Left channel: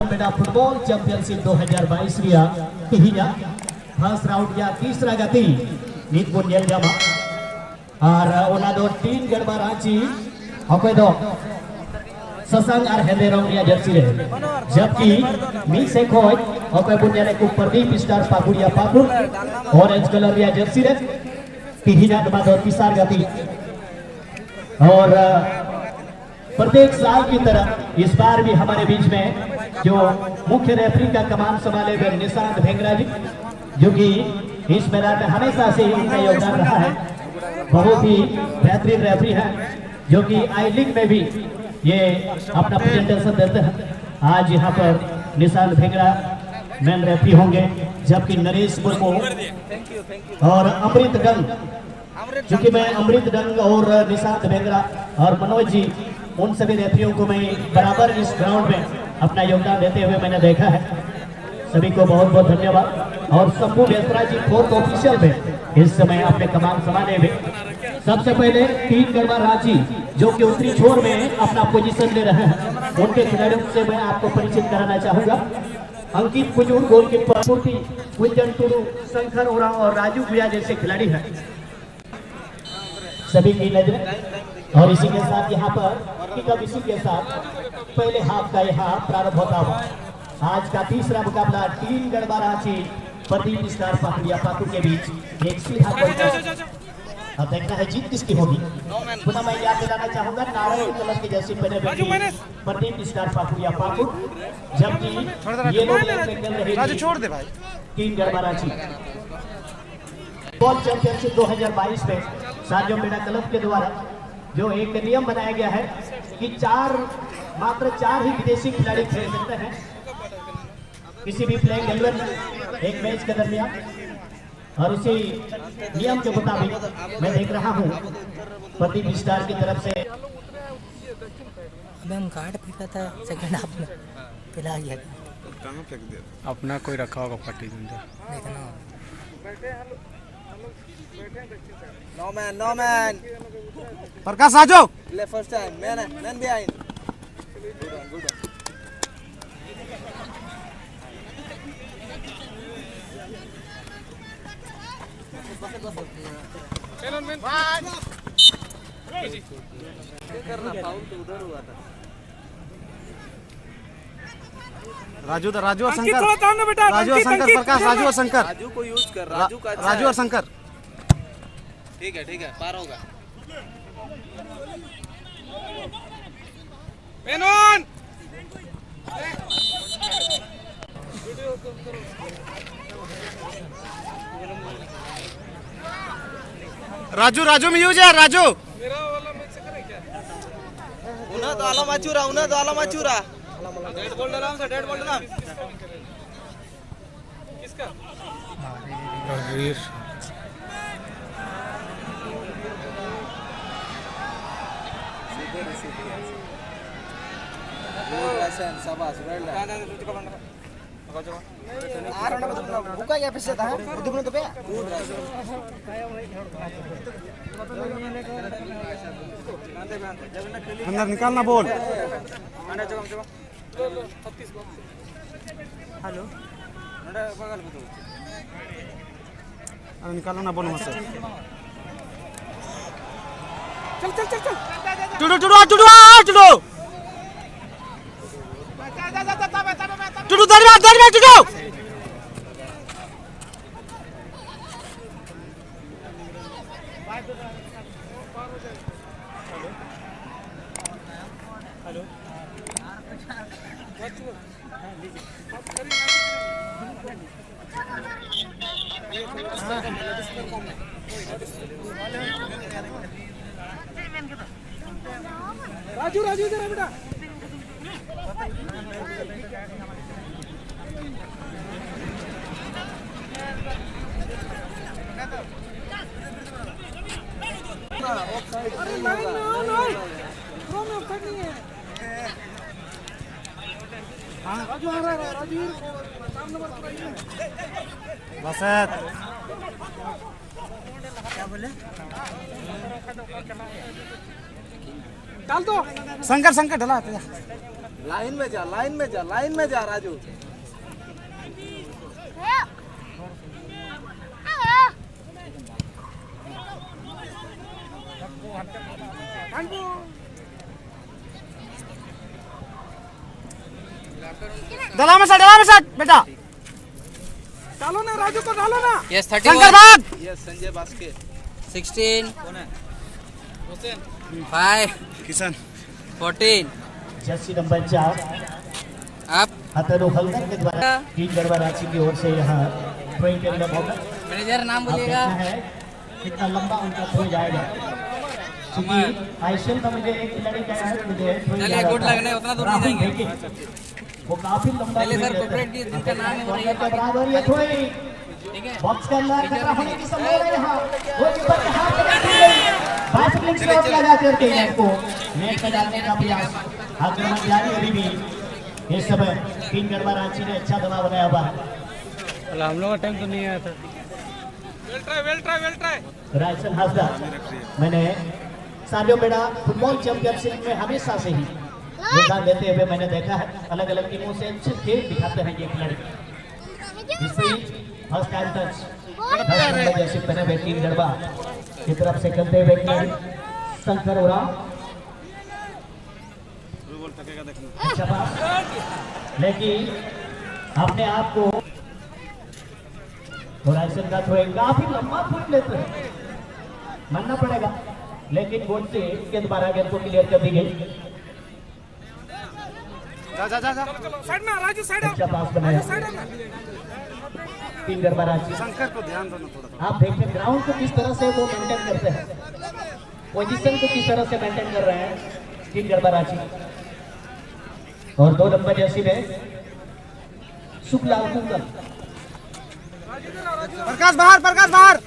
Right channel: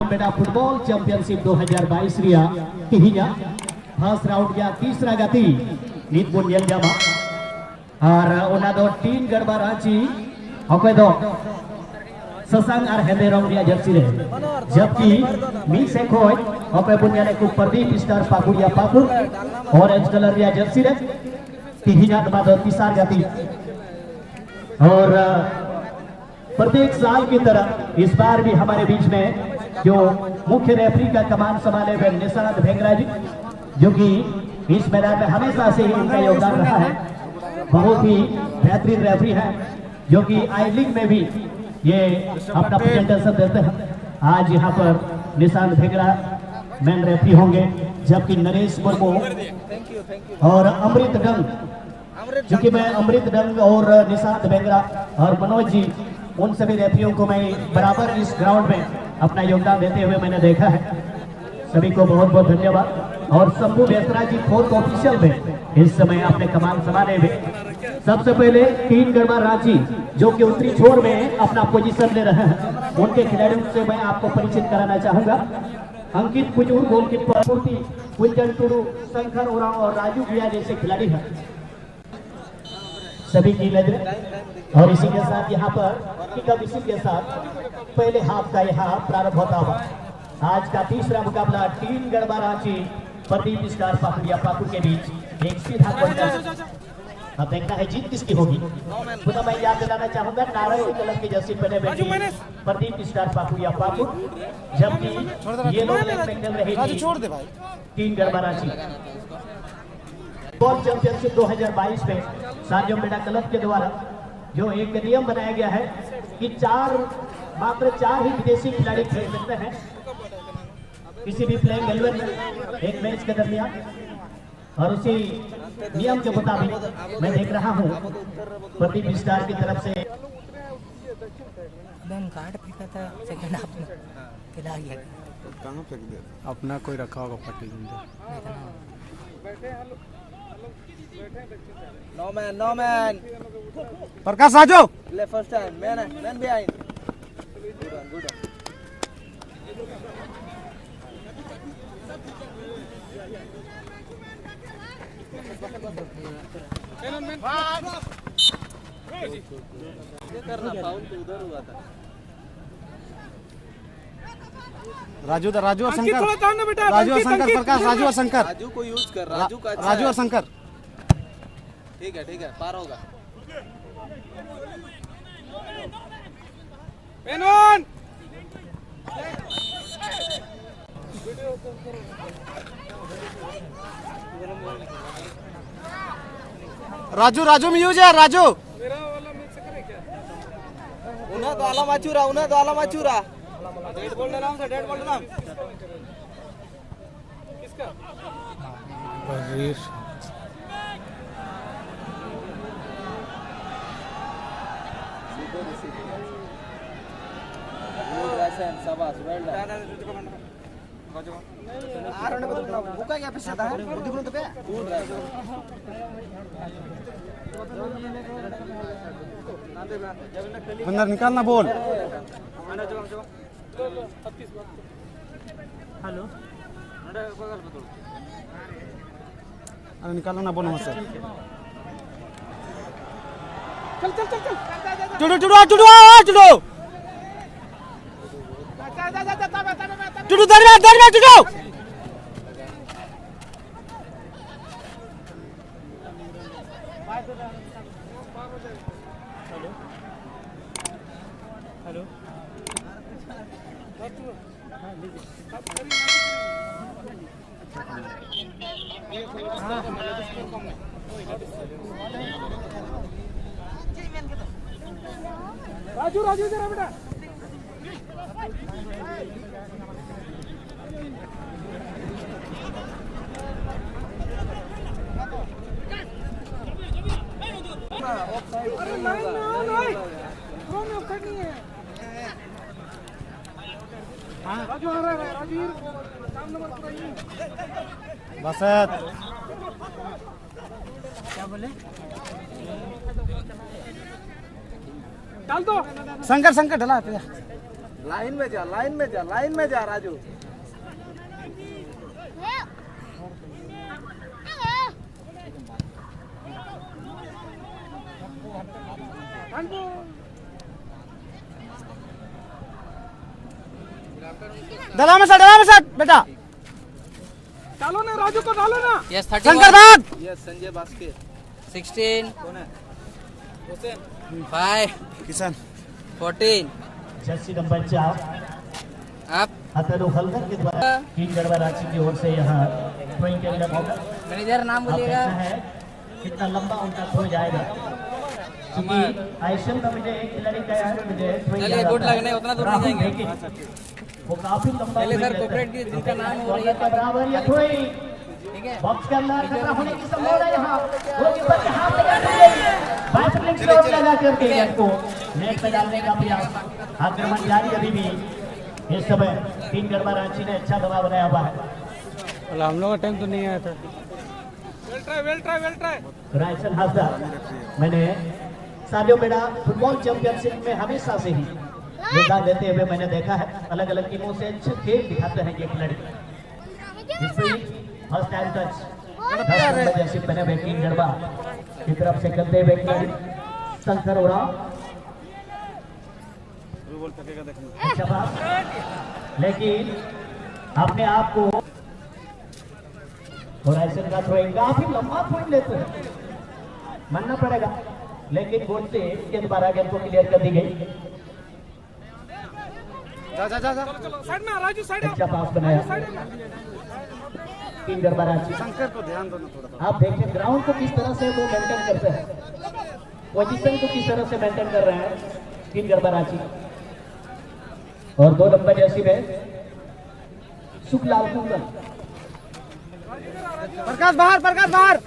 Football championship 2022 ria tihinya first round ya tisra gati nit pun yang jama ar ona do tin garba ranchi okoi do sasang ar hende rong ria jersey re jabki mi se khoi okoi pun jane ku Pradeep Star Pakuria Pakur orange color ria jersey re tihinya dama do tisar gati और प्रत्येक साल की तरह इस बार भी हमारे बीच में जो मुख्य रेफरी का कमान संभाले हुए निशांत भेंगरा जी, जो कि इस मैदान में हमेशा से ही उनका योगदान रहा है, बहुत ही बेहतरीन रेफरी है, जो कि आई लीग में भी ये अपना प्रेजेंटेशन देते हैं। आज यहाँ पर निशांत भेंगरा मैन रेफरी होंगे, जबकि नरेश मुर्मू और अमृत डंग, जो कि मैं अमृत डंग और निशांत भेंगरा और मनोज जी, उन सभी रेफरियों को मैं बराबर इस ग्राउंड में अपना योगदान देते हुए मैंने देखा है। सभी को बहुत बहुत धन्यवाद। और शंभू बेसरा जी फोर्थ ऑफिशियल में इस समय अपने कमान संभाले हुए। सबसे पहले तीन गढ़वा रांची जो कि उत्तरी छोर में अपना पोजीशन ले रहे हैं, उनके खिलाड़ियों से मैं आपको परिचित कराना चाहूंगा। अंकित कुजूर गोलकीपर, मूर्ति कुंजन टुडू, शंकर ओराम और राजू भैया जैसे खिलाड़ी हैं, सभी की नजरें। और इसी के साथ यहाँ पर इसी के साथ पहले हाफ का यहाँ प्रारंभ होता हुआ आज का तीसरा मुकाबला टीम गढ़वा रांची प्रदीप स्टार पाकुरिया पाकुर के बीच एक सीधा कॉन्टेस्ट। अब देखना है जीत किसकी होगी। पुनः मैं याद दिलाना चाहूंगा, नारंगी कलर की जर्सी पहने हुए प्रदीप स्टार पाकुरिया पाकुर, जबकि ये लोग छोड़ दे भाई team Garhwa Ranchi football championship 2022 में साजियो मीणा क्लब के द्वारा जो एक नियम बनाया गया है कि मात्र चार ही विदेशी खिलाड़ी खेल सकते हैं किसी भी प्लेइंग 11 में एक मैच के दरमियान। और उसी नियम के मुताबिक मैं देख रहा हूं प्रदीप स्टार की तरफ से कार्ड फेंका था सेकंड हाफ में, पिला गया कहां फेंक दिया अपना, कोई रखा होगा पट्टी देखना। No man. प्रकाश आजो First time. Man behind. Good. Raju और शंकर, राजू और शंकर, प्रकाश राजू और शंकर, राजू को यूज कर, राजू का अच्छा राजू और शंकर। ठीक है पार होगा। पेनॉन राजू में यूज है राजू। उन्हें तो आला माचूरा डेड बॉल डाला किसका शाबाश अंदर निकालना बोल। हेलो निकालो ना बोलो सर। चल टुडू दरबार टुडू राजू इधर बेटा। अरे नहीं थ्रो में ऑफसाइड नहीं है। राजू आ रहा है, राजू सामने बस क्या बोले डाल दो। शंकर ढला लाइन में जा, लाइन में जा, लाइन में जा राजू। डला में सट बेटा। डालो ना राजू को डालो ना। यस शंकर भाग। Yes Sanjay Baske 16 5 Kishan 14 Jersey number 4 आप हतरो हल्दर के द्वारा 3 गढ़वा रांची की ओर से यहाँ थ्रोइंग के लिए मौका। मैनेजर नाम अब बोलिएगा। देखना है कितना लंबा उनका थ्रो जाएगा, क्योंकि आईसीएल में मुझे एक खिलाड़ी का है, मुझे थ्रो चलिए, गुड लग रहा है, उतना दूर नहीं राहुल जाएंगे। भेके, वो काफी लंबा पहले थ्रो सर लेते कॉर्पोरेट की जिनका नाम है वो हैं। का बराबर ये थ्रोइंग ठीक है। बॉक्स के अंदर खतरा होने की संभावना है यहाँ। वो कीपर के हाथ में रखी गई, बाइसिकलिंग शॉट लगा करके गेंद को नेट में डालने का प्रयास, आक्रमण जारी अभी भी। इस समय 3 गढ़वा रांची ने अच्छा दबाव बनाया हुआ है। हम लोग का टाइम तो नहीं आया था। Well try. रायसन हासदा, मैंने सारियो बेड़ा फुटबॉल चैंपियनशिप में हमेशा से ही योगदान देते हुए मैंने देखा है। अलग अलग टीमों से अच्छे खेल दिखाते हैं ये खिलाड़ी। फर्स्ट टाइम टच जैसे पहले बैटिंग गढ़वा की तरफ से करते हुए खिलाड़ी शंकर उड़ा अच्छा बात, लेकिन अपने आप को रायसन का थ्रोइंग काफी लंबा थ्रो लेते हैं, मानना पड़ेगा, लेकिन गोल से गेंद 12 गेंद को क्लियर कर दी गई। जा। साइड में राजू, साइड अच्छा पास बनाया 3 गढ़वा रांची। शंकर पे ध्यान दो थोड़ा। आप देखिए ग्राउंड को किस तरह से वो मेंटेन करते हैं, पोजीशन को किस तरह से मेंटेन कर रहे हैं 3 गढ़वा रांची। और 2 नंबर जर्सी में शुक्लाल कुंगल, प्रकाश बाहर।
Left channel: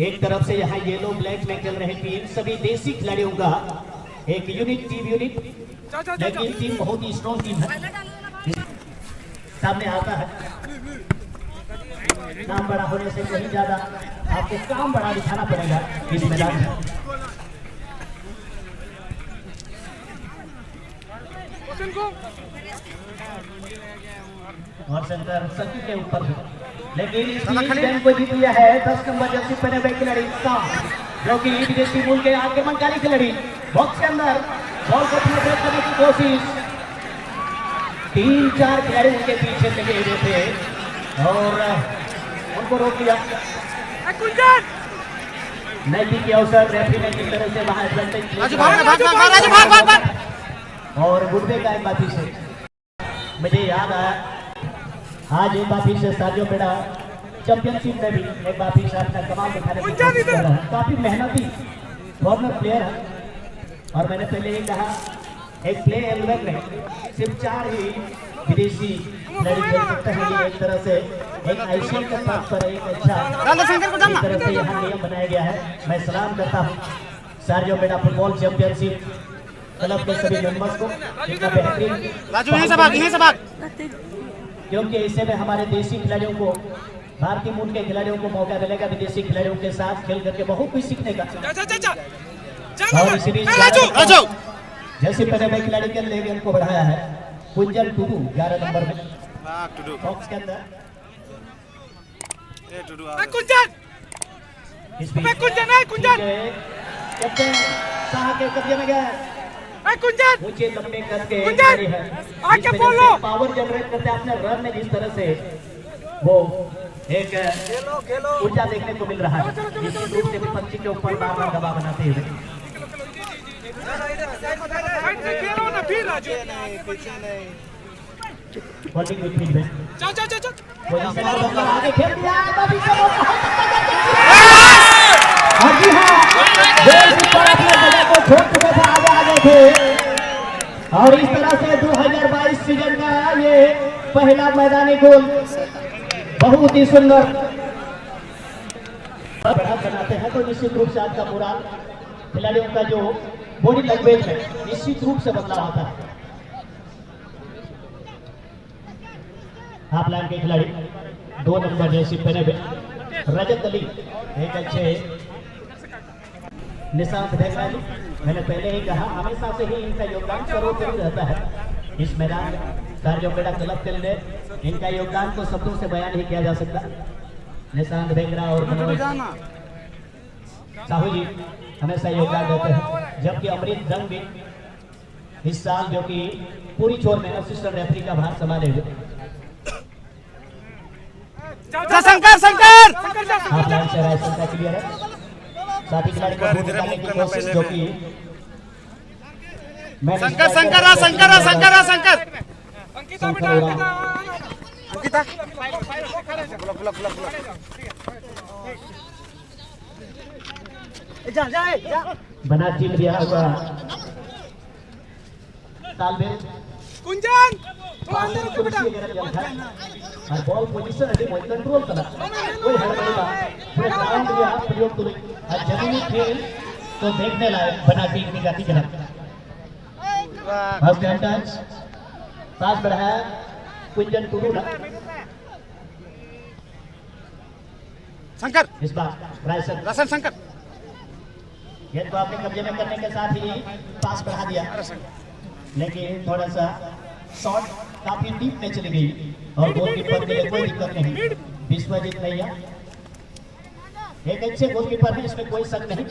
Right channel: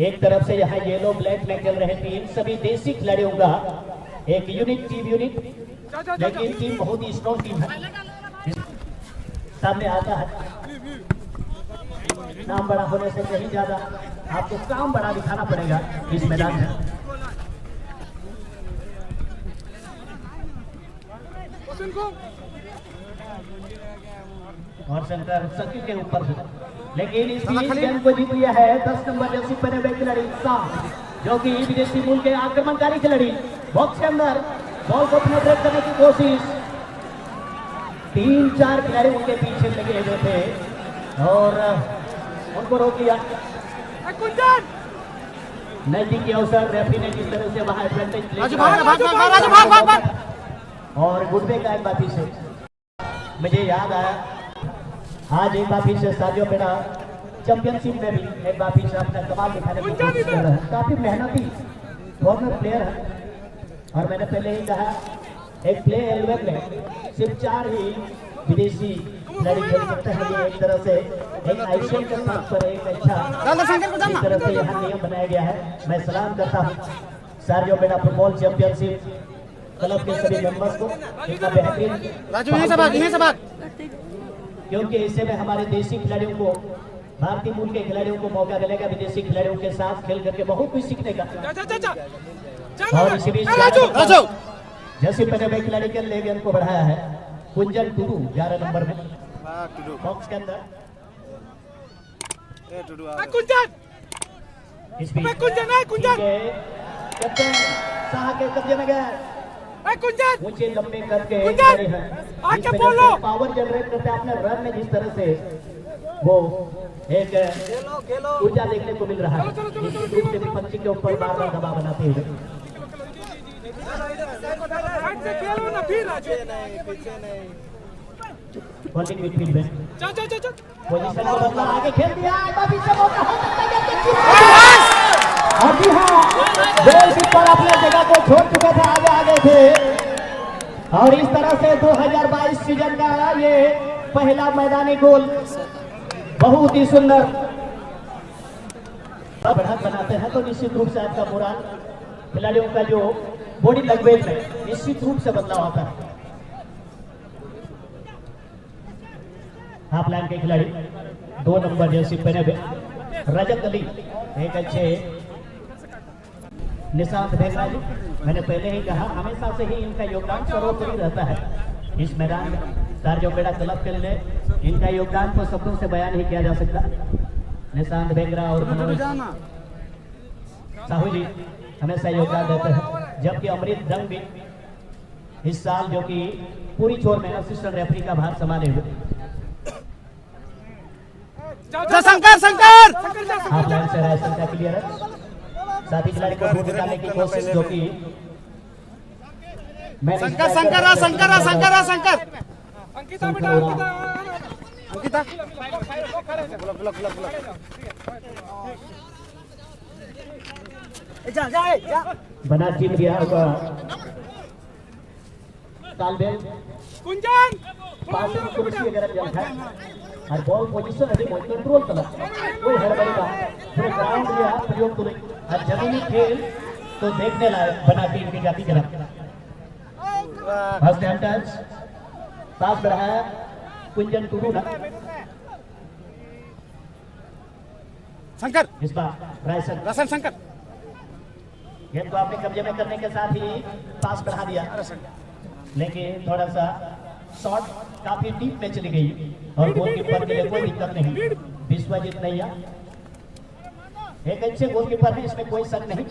एक तरफ से यहाँ येलो ब्लैक में चल रहे टीम, सभी देसी खिलाड़ियों का एक टीम यूनिट, लेकिन टीम बहुत ही स्ट्रॉन्ग टीम है। सामने आता है नाम बड़ा होने से कहीं ज्यादा आपको काम बड़ा दिखाना पड़ेगा इस मैदान में। और शंकर सकी के ऊपर भी, लेकिन इस गेम को जीत लिया है 10 नंबर जर्सी पहने हुए खिलाड़ी साम, जो कि विदेशी मूल के आक्रमणकारी खिलाड़ी। बॉक्स के अंदर बॉल को पेनिट्रेट करने की कोशिश, 3-4 खिलाड़ी उनके पीछे लगे हुए थे और उनको रोक दिया। नजदीक के अवसर रेफरी ने किस तरह से वहां एडवांटेज और गुड्डे का एक बाती से मुझे याद आया, आज एक बापी से साजियो बेड़ा चैंपियनशिप में भी एक बापी से अपना कमाल दिखाने की कोशिश कर रहा है। काफी मेहनती फॉरनर प्लेयर है, और मैंने पहले ही कहा एक प्ले 11 में सिर्फ 4 ही विदेशी खिलाड़ी खेल सकते हैं। ये एक तरह से एक आईसीएल के साथ पर एक अच्छा इस तरह से यहाँ नियम बनाया गया है। मैं सलाम करता हूँ साजियो बेड़ा फुटबॉल चैंपियनशिप क्लब के सभी मेंबर्स को, इतना बेहतरीन राजू यहीं से भाग। क्योंकि इससे में हमारे देसी खिलाड़ियों को, भारतीय मूल के खिलाड़ियों को मौका मिलेगा विदेशी खिलाड़ियों के साथ खेल करके बहुत कुछ सीखने का। और इसी बीच जैसे पहले खिलाड़ी के लिए गेंद को बढ़ाया है कुंजन टुडू 11 नंबर में बॉक्स के अंदर। इस बीच कैप्टन शाह के कब्जे में गया, ऊंचे लंबे करके खिलाड़ी है, पावर जनरेट करते हैं अपने रन में। जिस तरह से वो एक ऊर्जा देखने को मिल रहा है, निश्चित रूप से विपक्षी के ऊपर बार बार दबाव बनाते हुए। बॉलिंग मिडफील्ड में पोजीशन और बदलाव आगे खेल दिया है, बाबी से मौका हो सकता है। जी हाँ, गोल कीपर अपनी जगह को छोड़ चुके थे, आगे थे, और इस तरह से 2022 सीजन का ये पहला मैदानी गोल बहुत ही सुंदर बढ़त बनाते हैं। तो निश्चित रूप से आपका पूरा खिलाड़ियों का जो बॉडी लैंग्वेज है निश्चित रूप से बदलाव आता है। हाफ लाइन के खिलाड़ी 2 नंबर जर्सी पहने हुए रजत अली, एक अच्छे निशांत भेगरा जी मैंने पहले ही कहा हमेशा से ही इनका योगदान सर्वोपरि रहता है इस मैदान कार्योपेड़ा क्लब के लिए। इनका योगदान तो शब्दों से बयान ही किया जा सकता। निशांत बेंगरा और मनोज साहू जी हमेशा योगदान देते हैं, जबकि अमृत दंग भी इस साल जो कि पूरी छोर में असिस्टेंट रेफरी का भार संभाले हुए। शंकर शंकर हाफ लाइन से राइट का क्लियर है, साथ ही खिलाड़ी को दूर निकालने की कोशिश जो कि शंकर शंकर शंकर शंकर शंकर शंकर उड़ा बना टीम दिया होगा तालबेल कुंजन पास से कुर्सी वगैरह दिया था और बॉल पोजीशन अभी बहुत कंट्रोल करना कोई हड़बड़ी का पूरे ग्राउंड में हाथ प्रयोग करो और जमीनी खेल तो देखने लायक बना टीम की गति जरा फर्स्ट हैंड टच पास बढ़ाया कुंजन टुडू ना शंकर इस बार रायसन रसन शंकर गेंद को अपने कब्जे में करने के साथ ही पास बढ़ा दिया, लेकिन थोड़ा सा शॉट काफी डीप में चली गई और गोलकीपर के लिए कोई दिक्कत नहीं। विश्वजीत नैया एक अच्छे गोलकीपर है, इसमें कोई शक नहीं,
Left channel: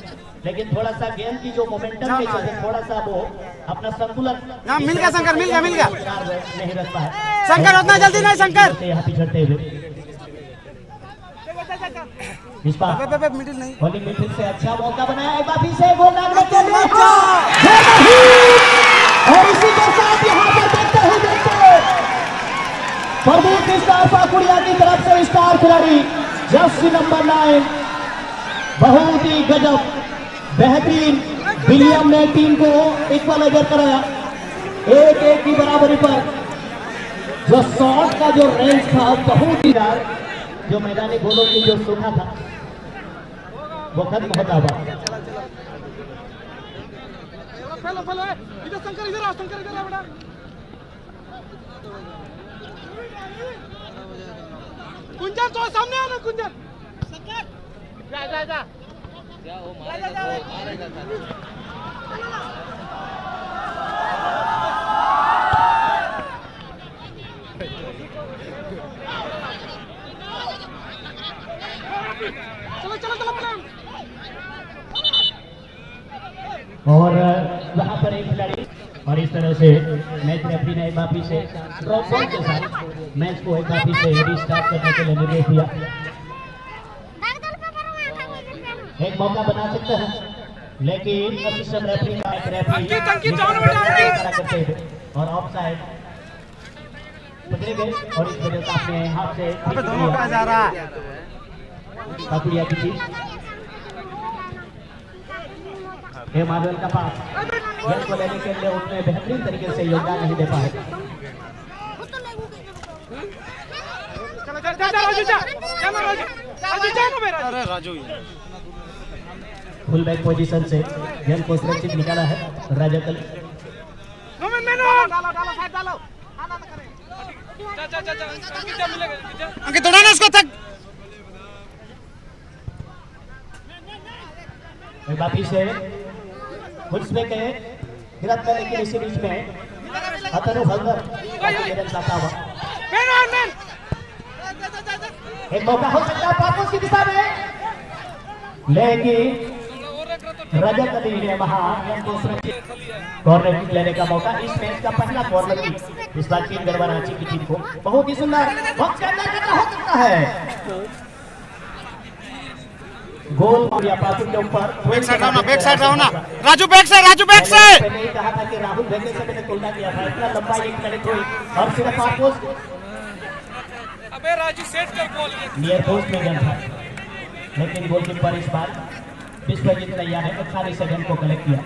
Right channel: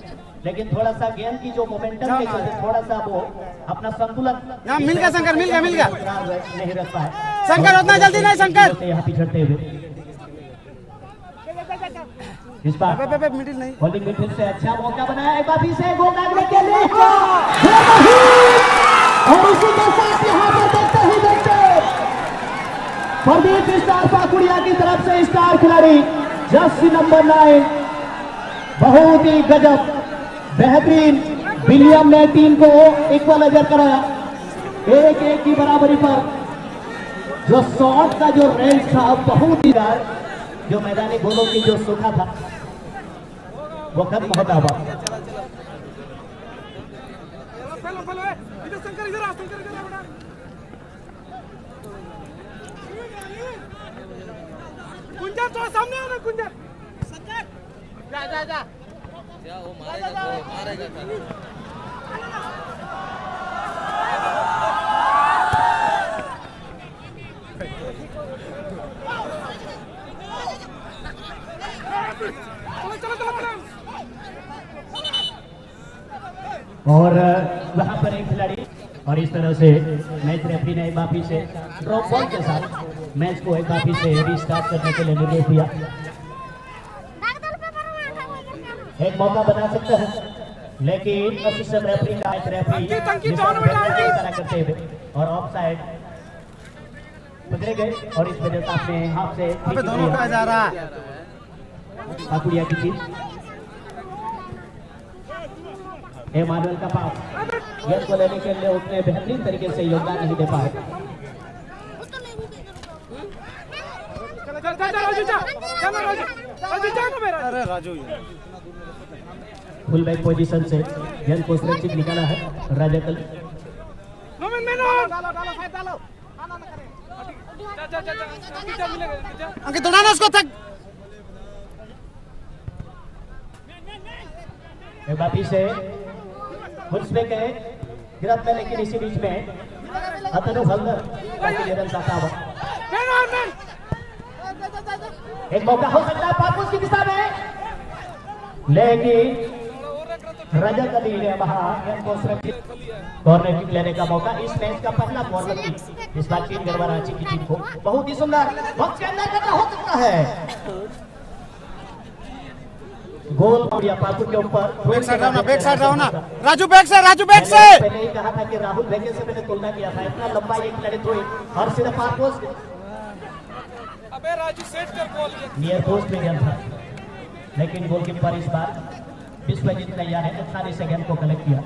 लेकिन थोड़ा सा गेंद की जो मोमेंटम के चलते थोड़ा सा वो अपना संतुलन मिल गया शंकर मिल गया नहीं रखता है। शंकर उतना जल्दी नहीं शंकर यहाँ पिछड़ते हुए इस बार मिडिल नहीं बॉलिंग मिडफील्ड से अच्छा मौका बनाया एक बार फिर से गोल लागने के लिए और इसी के साथ यहाँ पर देखते प्रदीप स्टार पाकुड़िया की तरफ से स्टार खिलाड़ी जर्सी नंबर 9 बहुत ही गजब बेहतरीन विलियम ने टीम को इक्वलाइजर कराया 1-1 की बराबरी पर। जो शॉट का जो रेंज था बहुत ही जो मैदानी गोलों की जो सूखा था वो खत्म होता हुआ। शंकर इधर आओ बेटा कुंजन तो सामने आना कुंजन जा जा और वहां पर एक खिलाड़ी और इस तरह से मैच रेफरी ने एक बार से ड्रॉप बॉल के साथ मैच को एक बार से रीस्टार्ट करने के लिए निर्देश दिया। एक मौका बना सकते हैं, लेकिन असिस्टेंट रेफरी का एक रेफरी करते हुए और ऑफ साइड पकड़े गए और इस वजह से अपने हाथ से जा रहा है पाकुड़िया की थी मार्बल का पास गेंद को लेने के लिए उसने बेहतरीन तरीके से योगदान नहीं दे पाए। अरे राजू फुल बैक पोजीशन से गेंद को सुरक्षित निकाला है राजकल। अंकित दौड़ाना उसको तक बाकी से घुसपे के गिरफ्तार लेकिन इसी बीच में अतनु हल्दर एक मौका हो सकता है पापोस की दिशा में, लेकिन रजत अली ने वहां गेंद को सुरक्षित कॉर्नर किक लेने का मौका। इस मैच का पहला कॉर्नर किक इस बार टीम गढ़वा रांची की टीम को बहुत ही सुंदर बहुत करना हो सकता है। गोल या पाकू के ऊपर बैक साइड रहो ना राजू बैक से मैंने ही कहा था कि राहुल भेजने से मैंने तुलना किया था, इतना लंबा एक खड़े हुए और सिर्फ पापोस अबे राजू सेट कर बॉल नियर पोस्ट में गेंद था, लेकिन गोलकीपर इस बार विश्वजीत नैया ने खाली से गेंद को कलेक्ट किया।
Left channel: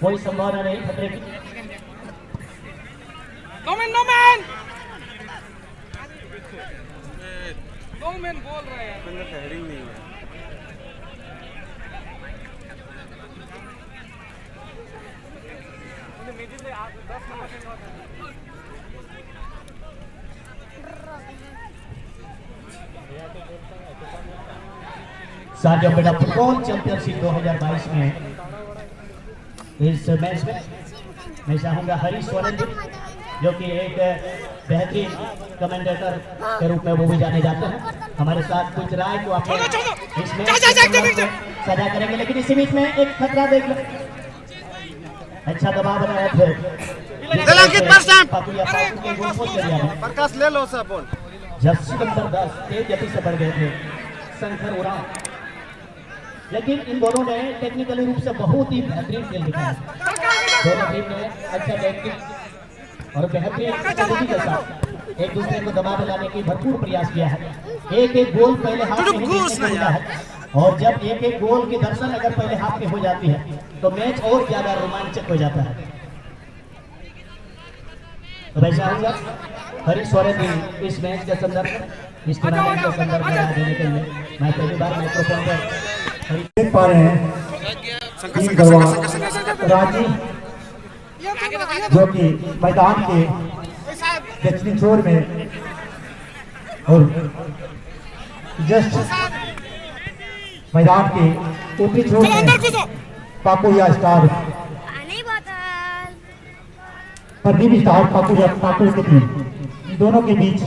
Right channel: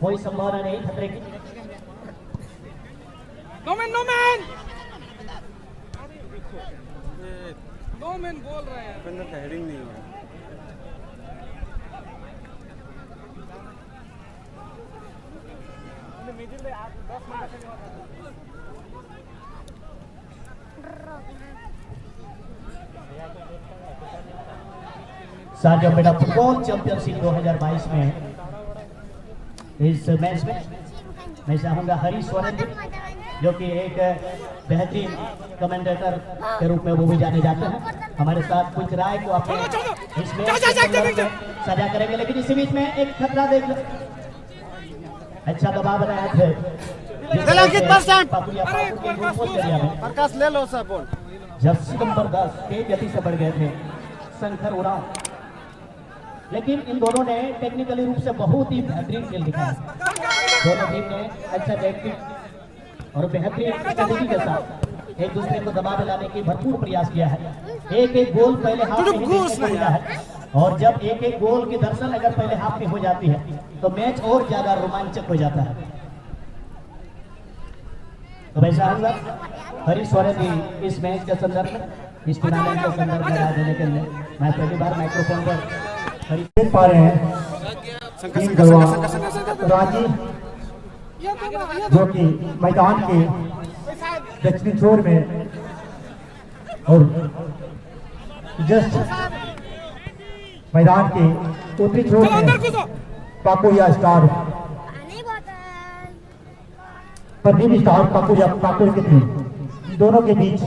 कोई संभावना नहीं खतरे की। नो मैन बोल रहे हैं हेडिंग नहीं है। साथियों बेटा फुटबॉल चैंपियनशिप 2022 में इस मैच में मैं चाहूंगा हरीश सोरेन जी, जो कि एक बेहतरीन कमेंटेटर के रूप में वो भी जाने जाते हैं, हमारे साथ कुछ राय को अपने इस मैच के संदर्भ में साझा करेंगे। लेकिन इसी बीच में एक खतरा देख लो, अच्छा दबाव बनाया थे प्रकाश ले लो सर बोल। जर्सी नंबर 10 तेज गति से बढ़ गए थे शंकर उरांव, लेकिन इन दोनों ने टेक्निकली रूप से बहुत ही बेहतरीन खेल दिखाया। दोनों टीम ने अच्छा बैटिंग और बेहतरीन स्ट्रेटेजी के साथ एक दूसरे को दबाव लगाने की भरपूर प्रयास किया है। एक एक गोल पहले हाफ में ही देखने को मिला है, और जब एक एक गोल की दर्शन अगर पहले हाफ में हो जाती है तो मैच और ज्यादा रोमांचक हो जाता है। तो मैं चाहूंगा हरीश सोरेन जी इस मैच के संदर्भ में, इस टूर्नामेंट के संदर्भ में राय देने के लिए मैं पहली बार माइक्रोफोन पर देख पा रहे हैं टीम गढ़वा राजीव, जो कि मैदान के दक्षिणी छोर में और जस्ट मैदान के उत्तरी छोर में पाकुरिया स्टार प्रदीप स्टार पाकुरिया की टीम, दोनों के बीच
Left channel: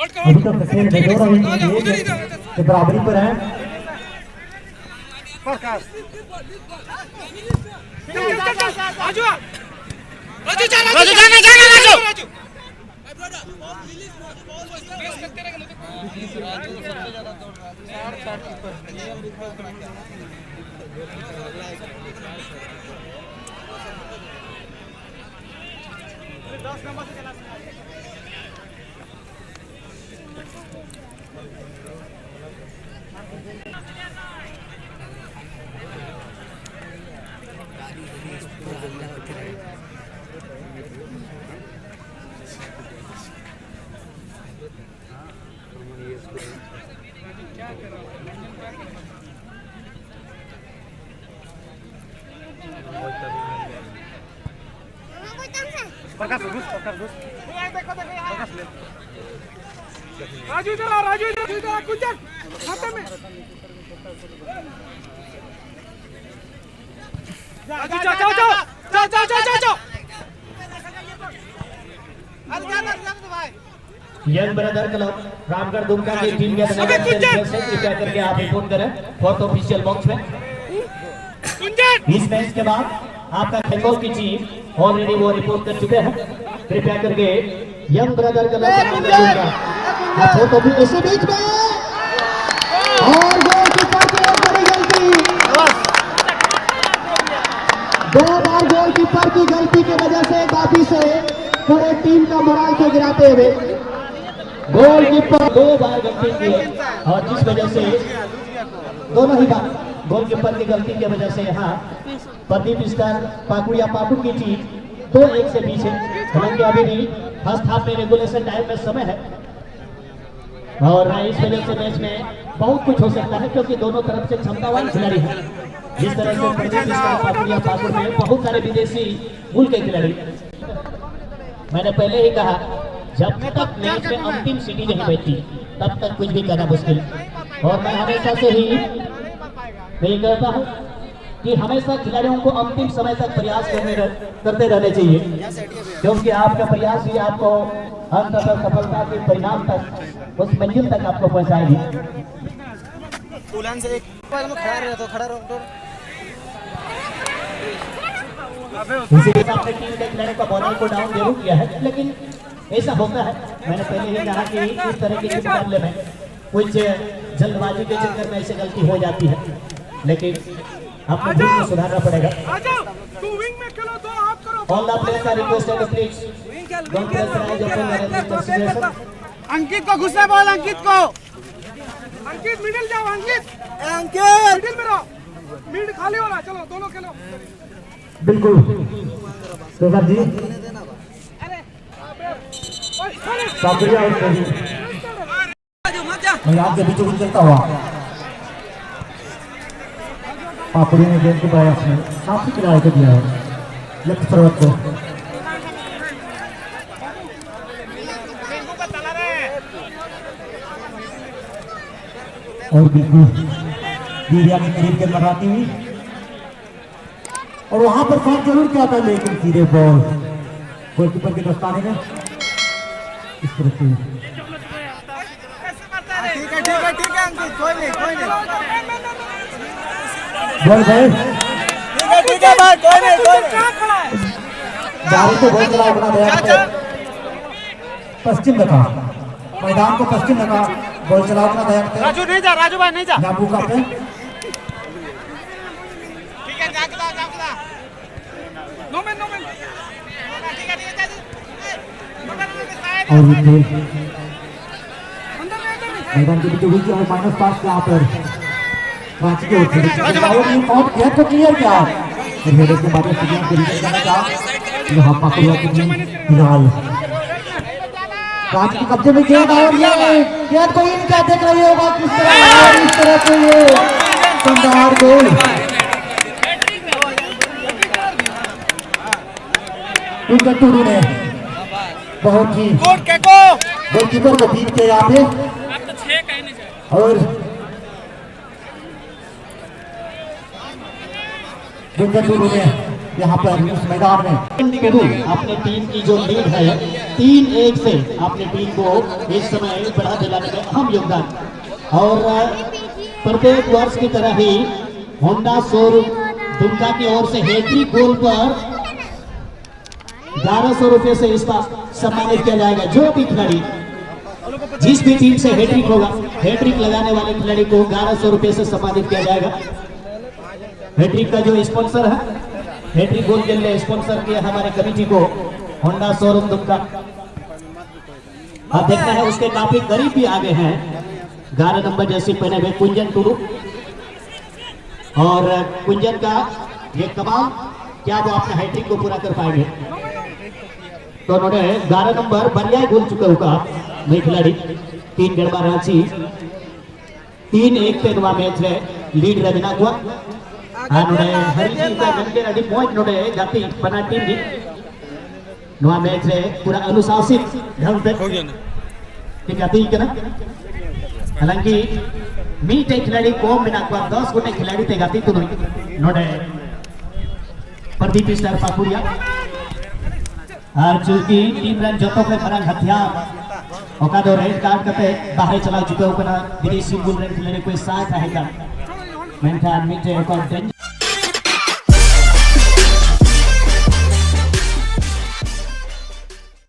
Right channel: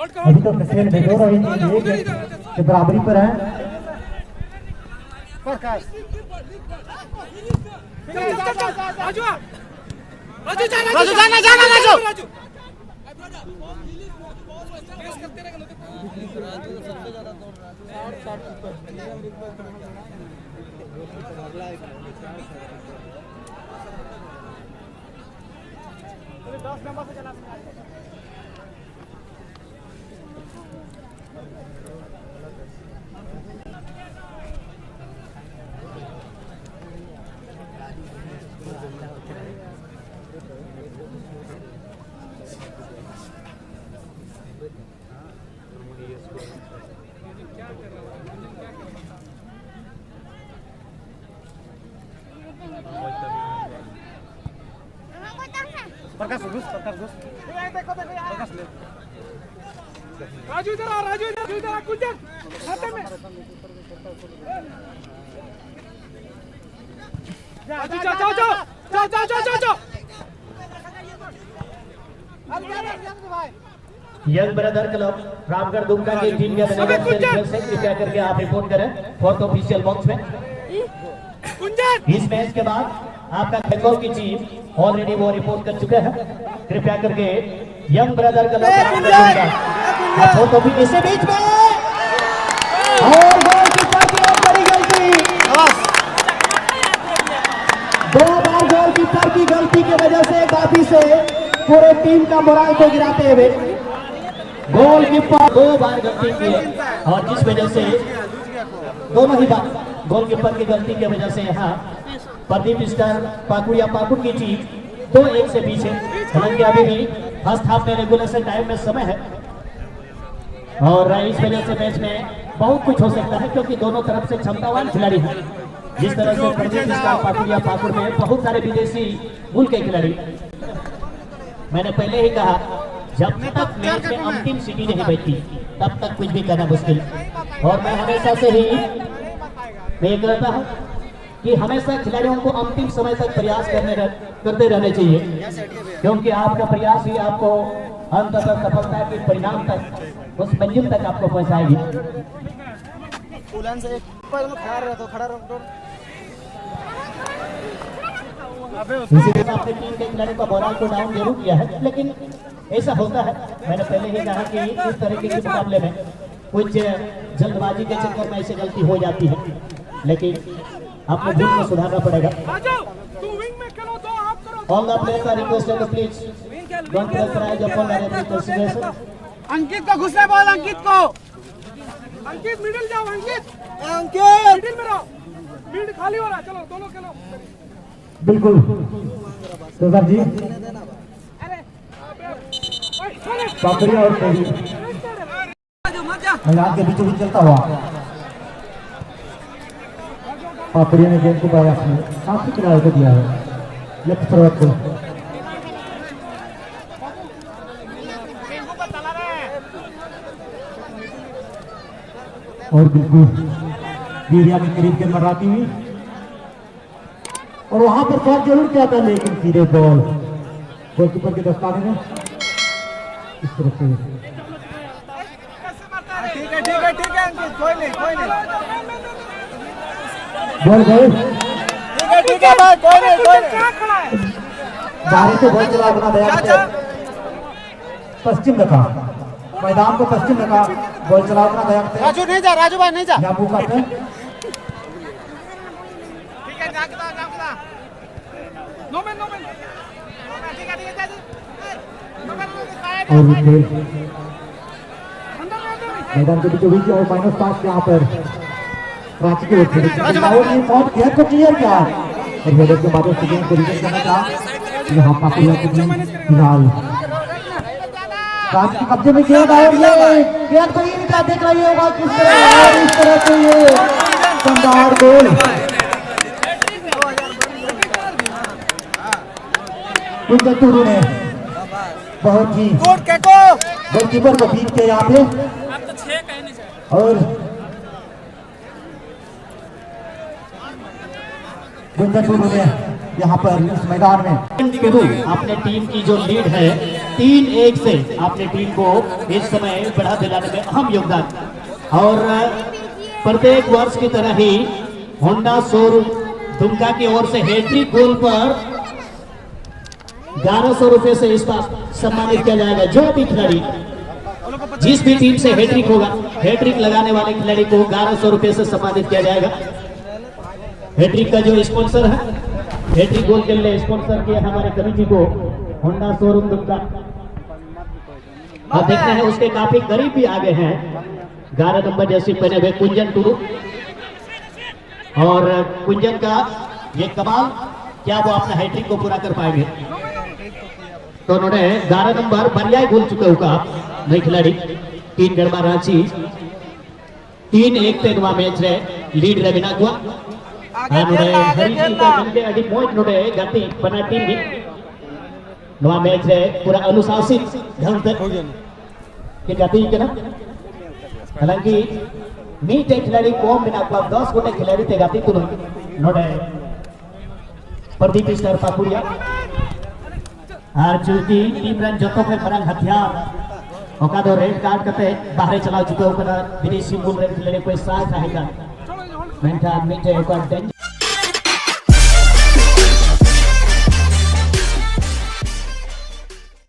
अभी तक खेल बेजोर के बराबरी पर है। राजू जाना राजू। प्रकाश घुस राजू इधर कुंजन हाथों में जाओ young brother club Ramgarh Dumka की टीम के मैनेजर से रिक्वेस्ट है कृपया करके आप रिपोर्ट करें फोर्थ ऑफिशियल बॉक्स में। इस मैच के बाद आपका खेलों की टीम ऑलरेडी वो रिपोर्ट कर चुके हैं, कृपया करके young brother club Ramgarh Dumka fourth office इसी बीच में और गोलकीपर की बहुत बड़ी गलती, 2 बार गोलकीपर की गलती की वजह से काफी से पूरे टीम का मोराल को गिराते हुए गोलकीपर 2 बार गलती की है, और जिस वजह से दोनों ही बार गोलकीपर की गलती की वजह से यहाँ प्रदीप स्टार पाकुरिया पाकुड़ की टीम 2-1 से पीछे। हालांकि अभी भी फर्स्ट हाफ में रेगुलेशन टाइम में समय है, और इस वजह से मैच में बहुत कुछ हो सकता है, क्योंकि दोनों तरफ से क्षमतावान खिलाड़ी हैं। जिस तरह से प्रदीप स्टार पाकुरिया पाकुड़ में बहुत सारे विदेशी मूल के खिलाड़ी, मैंने पहले ही कहा जब तक मैच में अंतिम सीटी नहीं बैठती तब तक कुछ भी करना मुश्किल, और मैं हमेशा से ही ये कहता हूँ कि हमेशा खिलाड़ियों को अंतिम समय तक प्रयास करते रहने चाहिए, क्योंकि आपका प्रयास ही आपको अंत तक सफलता के परिणाम तक, उस मंजिल तक आपको पहुंचाएगी। इसीलिए आपने टीम के खिलाड़ी का बॉलर को डाउन जरूर किया है, लेकिन ऐसा होता है। मैंने पहले ही कहा कि इस तरह के मुकाबले में कुछ जल्दबाजी के चक्कर में ऐसी गलती हो जाती है, लेकिन अपने भूल को सुधारना पड़ेगा। All the players are requested to please don't pressurise your situation. Ankit को घुसना बॉल, अंकित मिडिल जाओ, अंकित मिडिल में रहो, मिड खाली हो रहा, चलो दोनों खेलो। बिल्कुल तो जी पाकुरिया और मैदान के बीचों बीच चलता हुआ पाकुरिया ने गेंद को पाया, अपने काफी किनारे को दिया है लेफ्ट फॉरवर्ड को, और बिल्कुल मीडिया के करीब के अंदर आती हुई और वहां पर फॉल्ट जरूर किया था, लेकिन सीधे बॉल गोलकीपर की दस्ताने में इस तरह से ठीक है अंकित, कोई नहीं बॉल गए। ठीक है भाई, कोई नहीं गाड़ी से बॉल चला अपना दया से पश्चिम रखा, मैदान को पश्चिम रखा, बॉल चला अपना दया से राजू नहीं जा, राजू भाई नहीं जा। जाबू का पे और मैदान के बीचों बीच और माइनस 5 यहाँ पर रांची के ओर से और ये पॉइंट गेट को क्लियर किया और हेडर के बाद स्टेडियम को रीचेक करना चाहा। यहाँ पापुलिया की टीम फिलहाल रांची के कब्जे में गेंद और ये गेंद को इन क्या देख रही होगा किस तरह और इस तरह से ये शानदार गोल उनका टूरू ने बहुत ही गोलकीपर को बीट के यहाँ पे और गुंजन टूरू ने यहाँ पर इस मैदान में अपने टीम की जो लीड है 3-1 से अपने टीम को इस समय बढ़ा दिलाने में अहम योगदान और प्रत्येक वर्ष की तरह ही होंडा शोरूम दुमका की ओर से हैट्रिक गोल पर 1100 रुपए से इसका सम्मानित किया जाएगा। जो भी खिलाड़ी जिस भी टीम से हैट्रिक होगा, हैट्रिक लगाने वाले खिलाड़ी को 1100 रुपए से सम्मानित किया जाएगा। हैट्रिक का जो स्पॉन्सर है, हैट्रिक गोल के लिए स्पॉन्सर किया हमारे कमेटी को होंडा शोरूम दुमका। अब देखते हैं उसके काफी करीब भी आगे हैं 11 नंबर जैसी पहने हुए कुंजन टूरू और कुंजन का ये कमाल, क्या वो अपना हैट्रिक को पूरा कर पाएंगे? तो उन्होंने 11 नंबर बरियाई गोल चुके होगा नई खिलाड़ी 3 गढ़वा रांची 3-1 तेनवा मैच रे लीड रे बिना हुआ नोडे हरिजी का मिलके अडी पॉइंट नोडे गति बना टीम भी नवा मैच रे पूरा अनुशासित ढंग से के गति करना। हालांकि मीटे खिलाड़ी को बिना हुआ 10 गोटे खिलाड़ी ते गति तुन नोडे प्रदीप स्टार पापुरिया चूंकि टीम रन जतो के बड़ा हथियार ओका दो रेड कार्ड करते बाहर चला चुके ओकरा विदेशी बुल रन खिलाड़ी कोई साथ रहेगा मेंटा मिटे ओका